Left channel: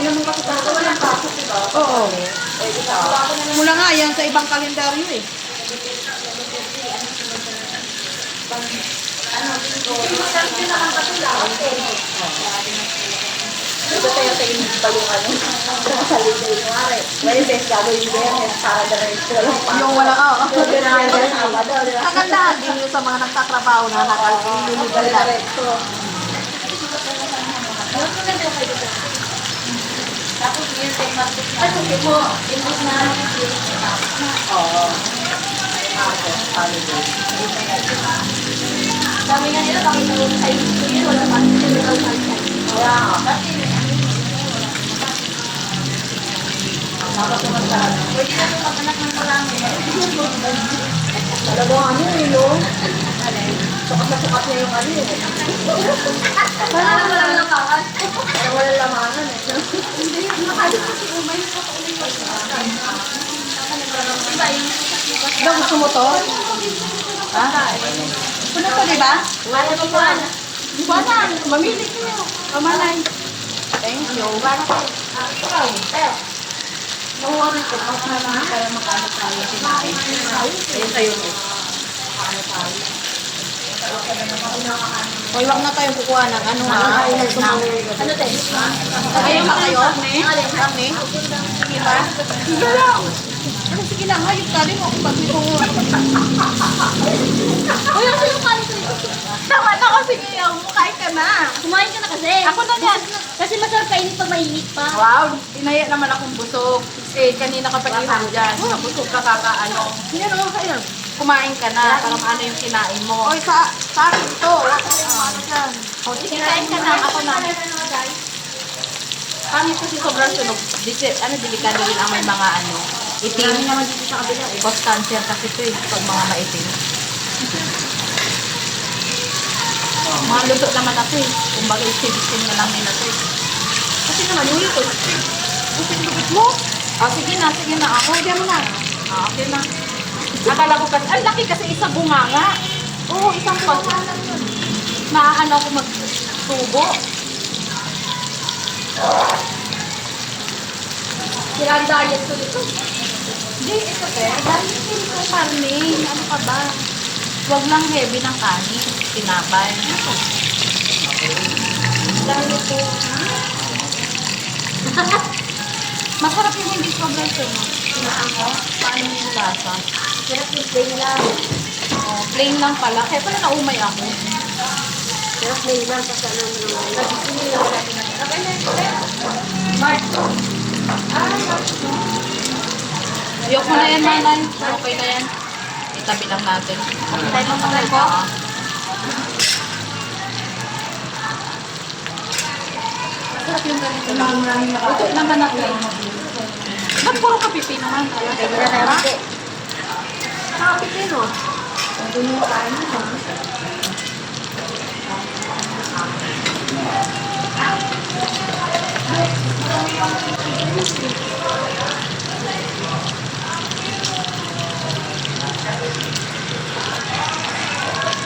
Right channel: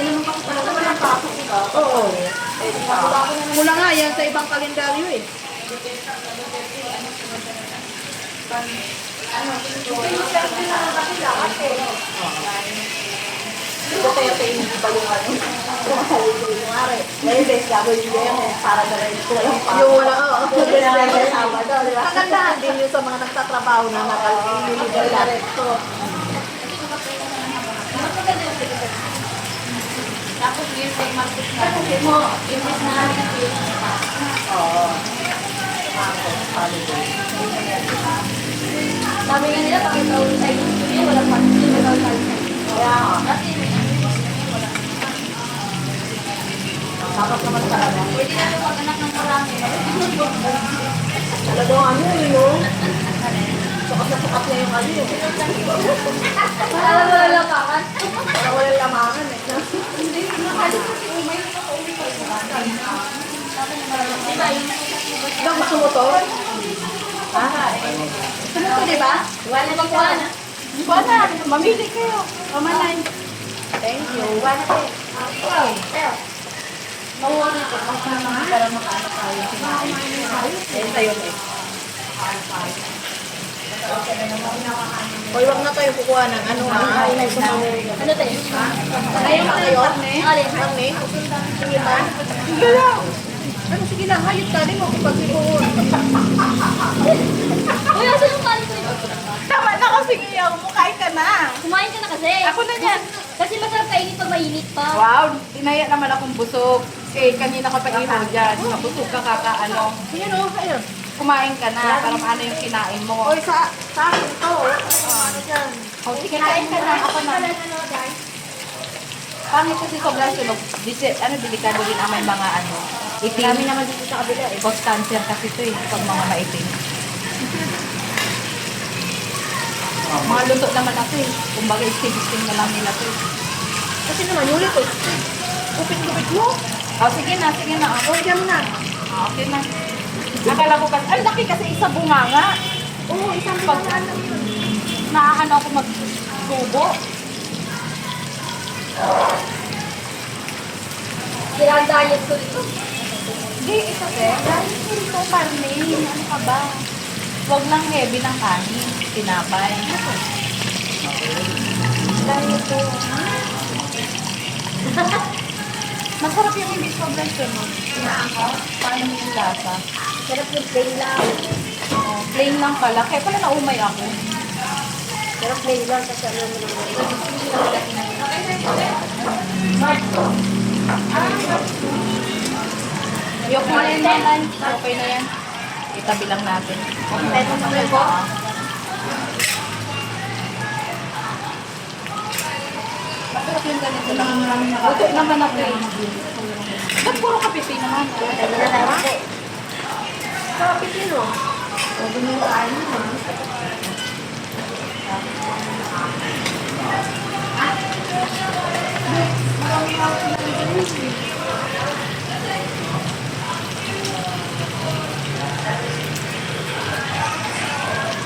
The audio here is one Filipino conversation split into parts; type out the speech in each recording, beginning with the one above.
naman kasi talaga walang pasok, diba? Oo. Eh, isa. Mula nga yan sa ibang kalendaryo eh. Ito tayo hindi pa yung ano. Holiday mo nga. Well, best gagawin yung Biyernes para diretso lang pa. Yung wala, oo. Yung Biyernes, Sabado, di ba? Kagandahan din yun sa mga nagtatrabaho na Yung diretso. Tapos yun kay Marcos na. Kasi mo, imbis na Oo. Marcos, holiday. sabi nga nila, bakit daw sa iyo, wala pa. Wala daw sa iyo. Kaya nga. Kasi Dapat naman talaga. pwede na yung mag-anak ng marami. Talagang ano yun. Sukat na sukat niya yung ano eh. Para wala lang kakas. Parang walang lamangan eh. Hindi, makalik ko si Umay. Umay ko. Diba, yung Gusto mo to? Ano to, diba? wala pa po. Banan, mamili kayo. Pamanay. Thank you. Wala pa. Pero, Nakuha rin ito. Pang naman para makaano tayo sinain. Ayun sa'yo eh. Makaano tayo. Hoy, wag na tayo kukuha ng ano. Ay, ano tayo? Ayaw na kayo, ne? Alin? Kami? Sige ba? Sige lang. Pero sige lang, hayop ka din mo pag may kumuha. Uy, asa yung kanin ko yun? Tama na kasi ngayon, mukhain ka na. Kumain ka na kasi. Ako na yan. Kasi masarap kainin pag mainit pa. Wow, dinaya naman akong busog. Eh, kanina ka pa iwan dyan. Nabusog ka kakaano. Yan o, kayo. Kumain ka na, para maano yung kinain mo. Hoy, sa akin to. Wala ka na ano dyan. O, kinain ka na, ako na. Pangit kasi sobrang sunog. Delikado din ang may mga ano, itim. Kami naman dito sa kabila eh. Post cancer kasi ito eh, pag mga maitim. Mga luto naman na ito eh. Kumbaga, istim-istim na lang nila ito eh. Kasi naman, ulit eh. Upit-upit mo. Sige na, sige na. Ako, Huwag mo na. okay na. Akala ko kasi, ang laki kasi isa bunganga. Oo, isang pag... Naaano ako magtubo. Sila ang diet ko dito. Hindi, dahil ko ito karne. Ano ka ba? Huwag lang heavy ng kanin. Tinapay. Dahil ito. Masarap yung hindi sobrang sunog. Paano yung lasa? Sarap yung plain lang. Oh, plain lang pala. Kaya pala naumay ako. Sarap plain lang. Kasi ano mo naman. Yok mo na yan, nanay. Okay na yan. Itabi lang natin. Okay na talaga. Masarap yung ganito lang. Luto naman natin. Ba't puro kapiti naman? Bakit yun o?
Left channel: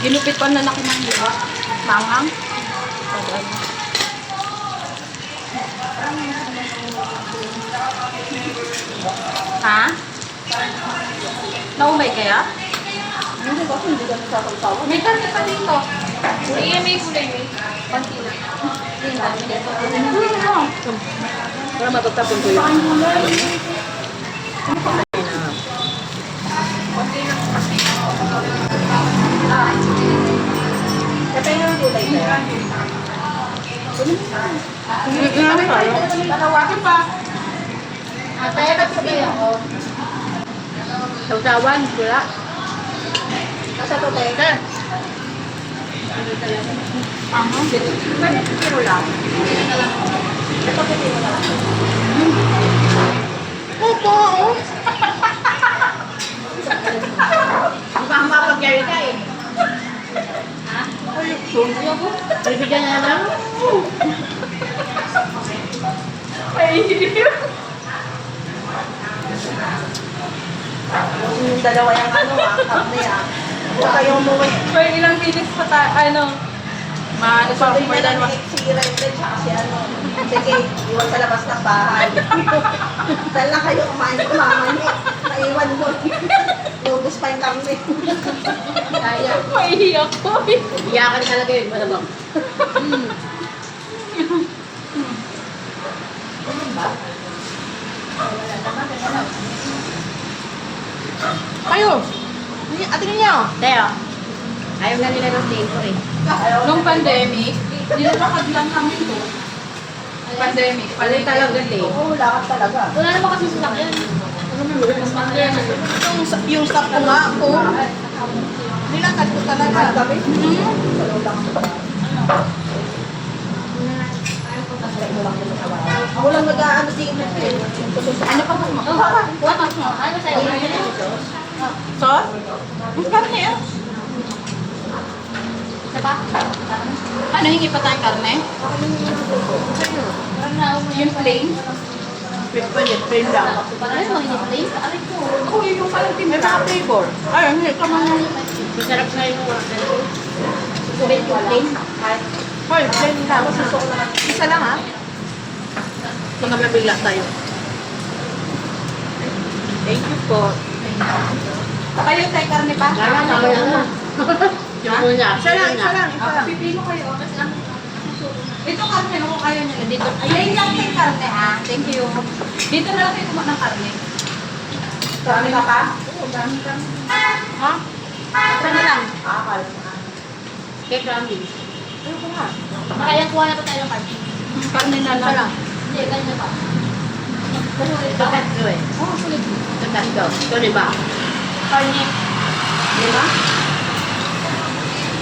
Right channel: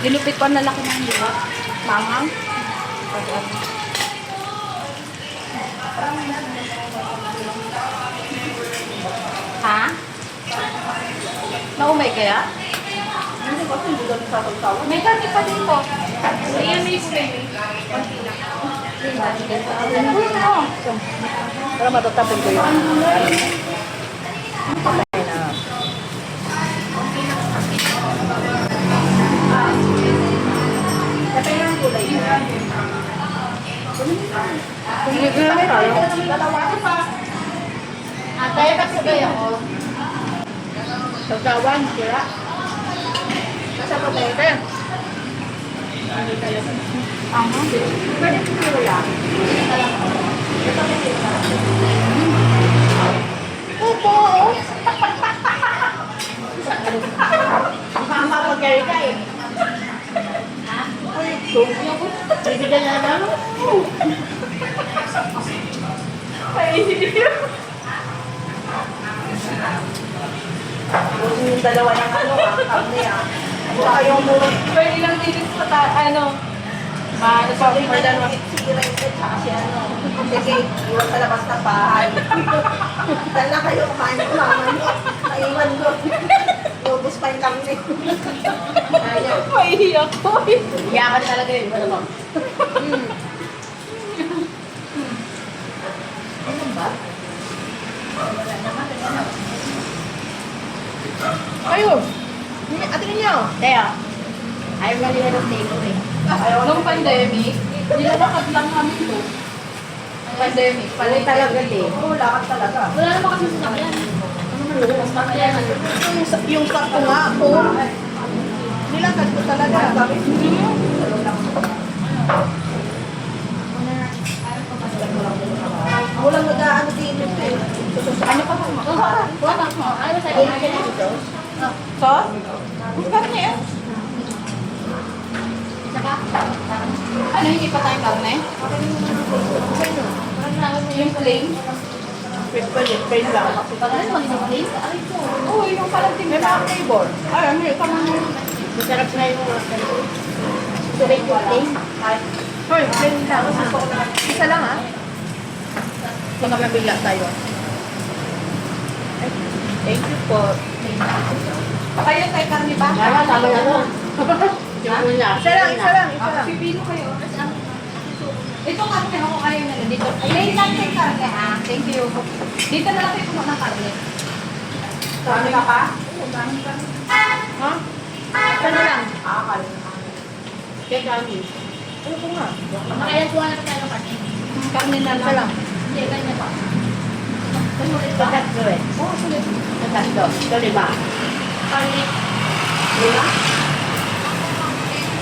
Gilupit ko ang lalaki ng liwa. Manghang. Ha? Naumay kaya? Hindi kasi hindi ganun sa sasawa. May karne pa dito. May kulay mo. Konti lang. Para matatapin ko yun. Ito yung gulay ko. Ano tayo? Tayo na sabihin ako. Sausawan, sila. Nasa to teka. Aha. Pwede pipiro lang. Ito pipiro lang. Ito. Ang mapag-carry ka eh. Bibigyan na lang. Yung dalawa yung ano karne Huwag kayong umuwi. May ilang minutes pa tayo, ano? Maano pa Sabi ako mo dyan. lang si Rated tsaka si ano. Sige, iwan sa labas ng bahay. Dahil lang kayo kumain ng mama niyo. Naiwan doon. Lubos pa yung kami. Kaya. Maiiyak ko. Iyakan talaga yun, malamang. Wala naman. Ano? Ayun. Ate niya. Teo, ayaw na nila ng table eh. Ayaw Nung na- pandemic, nilalakad lang kami to. Pandemic, Palay talaga eh. Oo, lakad talaga. Wala naman kasi sasakyan. Mas masaya na. Yung stop ko nga ako. Nilakad ko talaga. Lahat kami. Ako lang nag-aano si Imit eh. Ano pa mo? Wala mo. Ano sa'yo? Sos? Ang karne eh. Isa ba? Ano, hingi pa tayong karne? Parang na mo Yung plain? Pwede, pwede lang. Parang ano, hindi plain. Aray ko. Oo, yung palang May flavor. Ay, hindi ka man. Masarap na yung mga ganito. Subit yung plain. Hoy, plain lang. Isa lang ah. So, nagabila tayo. Thank you po. Kayo tayo karne ba? Wala, tama na. Yung una. Isa lang, isa lang. Isa Ah, lang. pipino kayo. Ito karne, kung ayaw nila dito. Plain lang tayong karne ha. Thank you. Dito na lang kayo kumuha ng karne. Dami ka pa? Ha? Pwede lang. Akal. Cake ramen. Makailan kuha na pa tayo ng party. Karne na Isa lang. lang. Hindi, ganyan pa. Pagkatlo eh. Pagkatlo. Ito diba? Karne. Lima?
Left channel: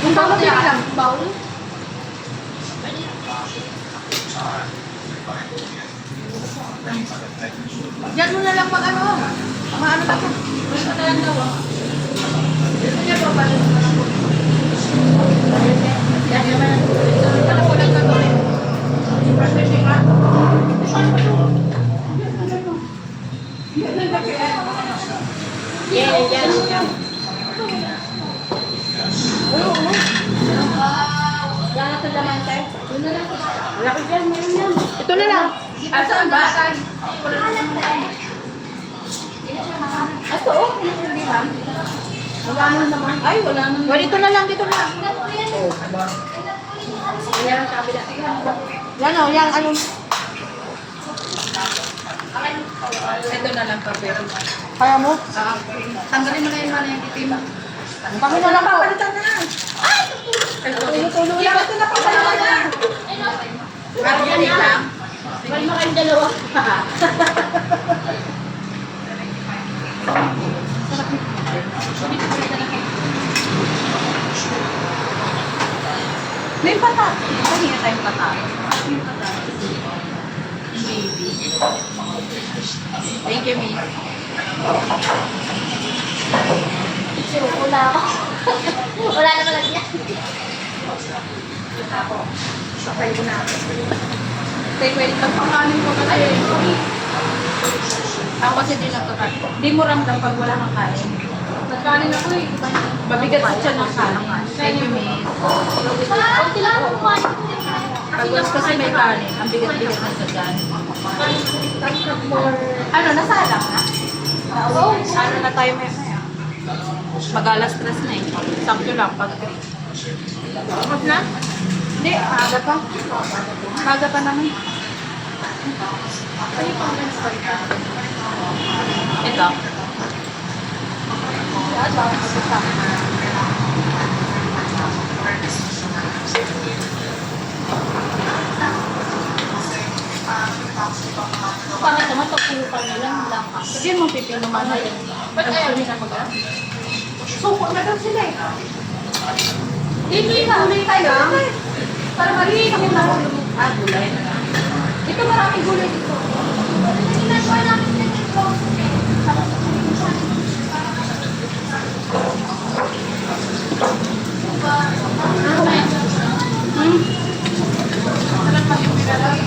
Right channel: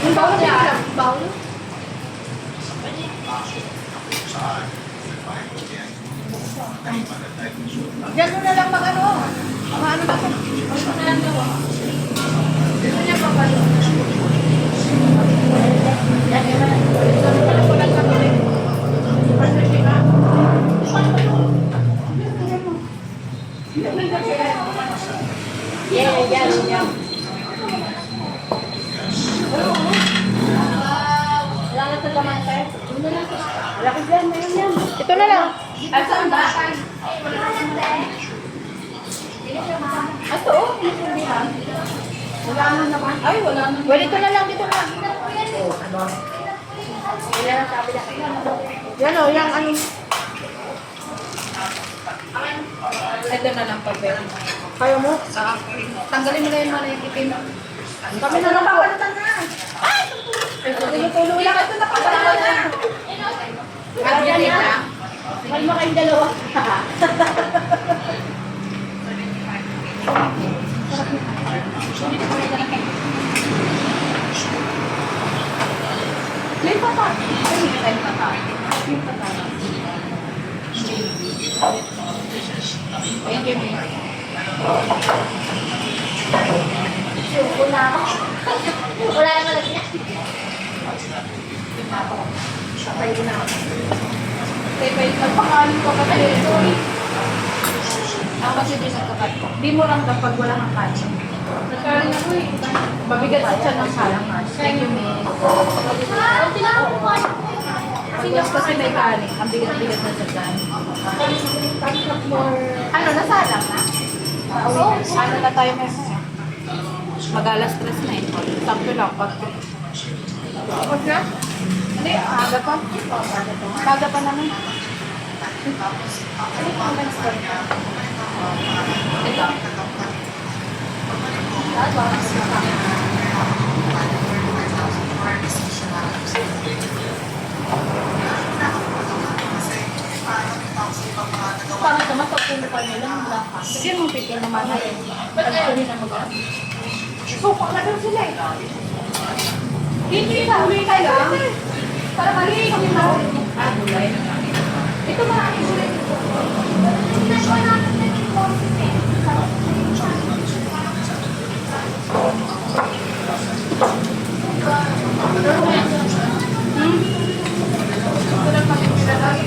Yung bawal din lang. Bawal? Yan mo na lang pag ano. Mga ano lang. Ano ko lang ano eh. Yeah, yeah. Wala na ito laman tayo. Malaki dyan, mayroon yan. Ito na lang. Ah, saan ba? Ito, oh. Wala na naman. Ay, wala na. Well, ito na lang. Dito na lang. Wala na sa kabila. Yan o, yan ano. Ito na lang pa, pero. Kaya mo? Tanggalin mo na yun, mana yung itim. Kami na lang papalitan na. Tulong lang. Ito na papalitan na. Yan na. May mga kayong dalawa. May patat. Ay, hindi tayo patat. Yung patat. Thank you, May. Suko na ako. Wala na pala siya. Sakay ko na. Tay, pwede nagpakanin ko kasi. Ako kasi di nagkakat. Di mo ramdam pag wala kang kanin. Nagkanin ako eh. Mabigat sa tiyan ng kanin. Thank you, Miss. Kunti lang ako kumain. Pag gusto kasi may kanin, ang bigat-bigat na sa tiyan. Ano, nasalang na? Oo. Ano na tayo mamaya? Mag-alas stress na eh. Sakto lang. Pag... Huwag na. Hindi, aga pa. Aga pa naman. Ito. Pangit naman pag pulupan nyo lang, wala ka. Sige mo pipin naman. Ba't ayaw nyo na mag Suko na daw sila eh. Dito yung huli kayo. Para malinis kami mahulog. Ah, gulay na lang. Ito maraming gulay dito. Sarap matipila lang.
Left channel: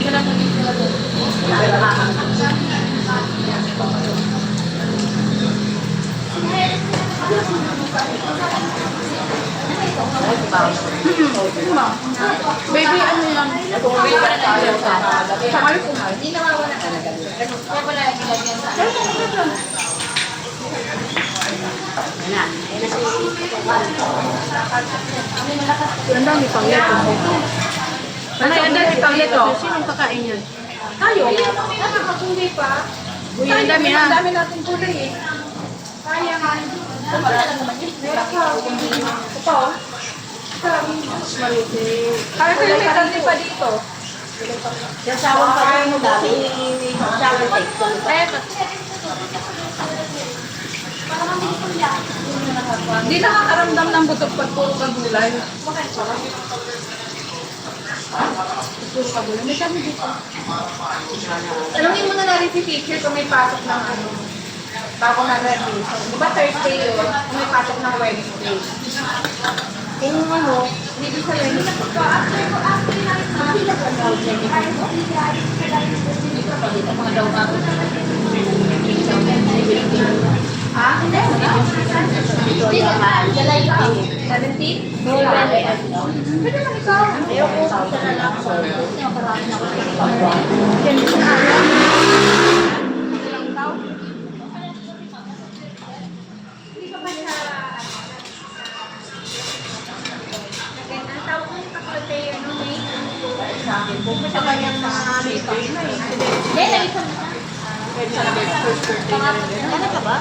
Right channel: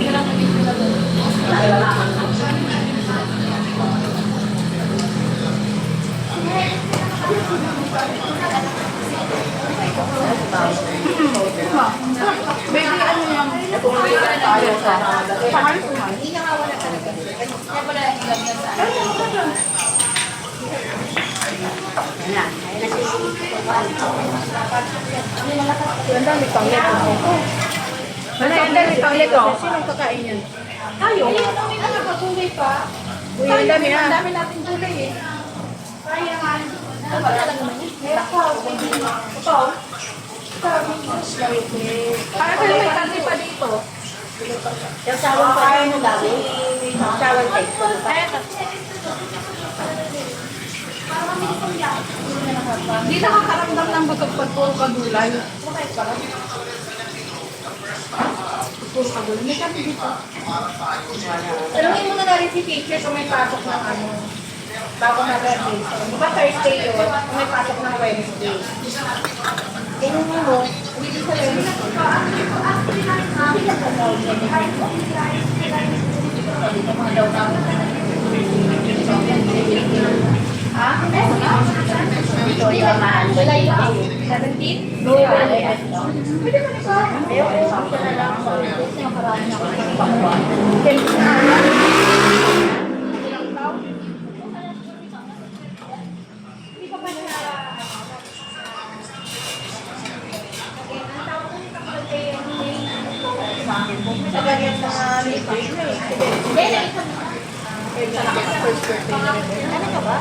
Sarap matipila lang. Baby, ano yan? Baby pa na tayo sa kamay-kumay. Hindi nawawala talaga dito. Kaya pala yung ganyan sa Pero kung ano yun? Ang dami pang yato. Ano yan dami pang ito? Sinong kakain yun? Tayo. Kami na nakagulay pa. Uy, ang dami na. Ang dami natin gulay eh. Kaya nga. Meron ka. Ito. Para kayo may kanti pa dito. Yung shower pa kayo mo dami. May shower cake. Kaya pa. Hindi nakakaramdam ng busog pag puro kagulay. Puro kagulay. May kami dito. Tanungin mo na natin si teacher kung may pasok ng ano. Bago mag-graduation. Diba Thursday yun? Kung may pasok ng Wednesday. Yung ano, Hindi din sa Wednesday. Mga daw na. Ha? July 17? No, Pwede man ikaw. ayoko na lang. Nakarami na ako sa pangwa. sa ganyan na dito. Hindi, naisang. Pwede sa first birthday na rin. Ano ka ba?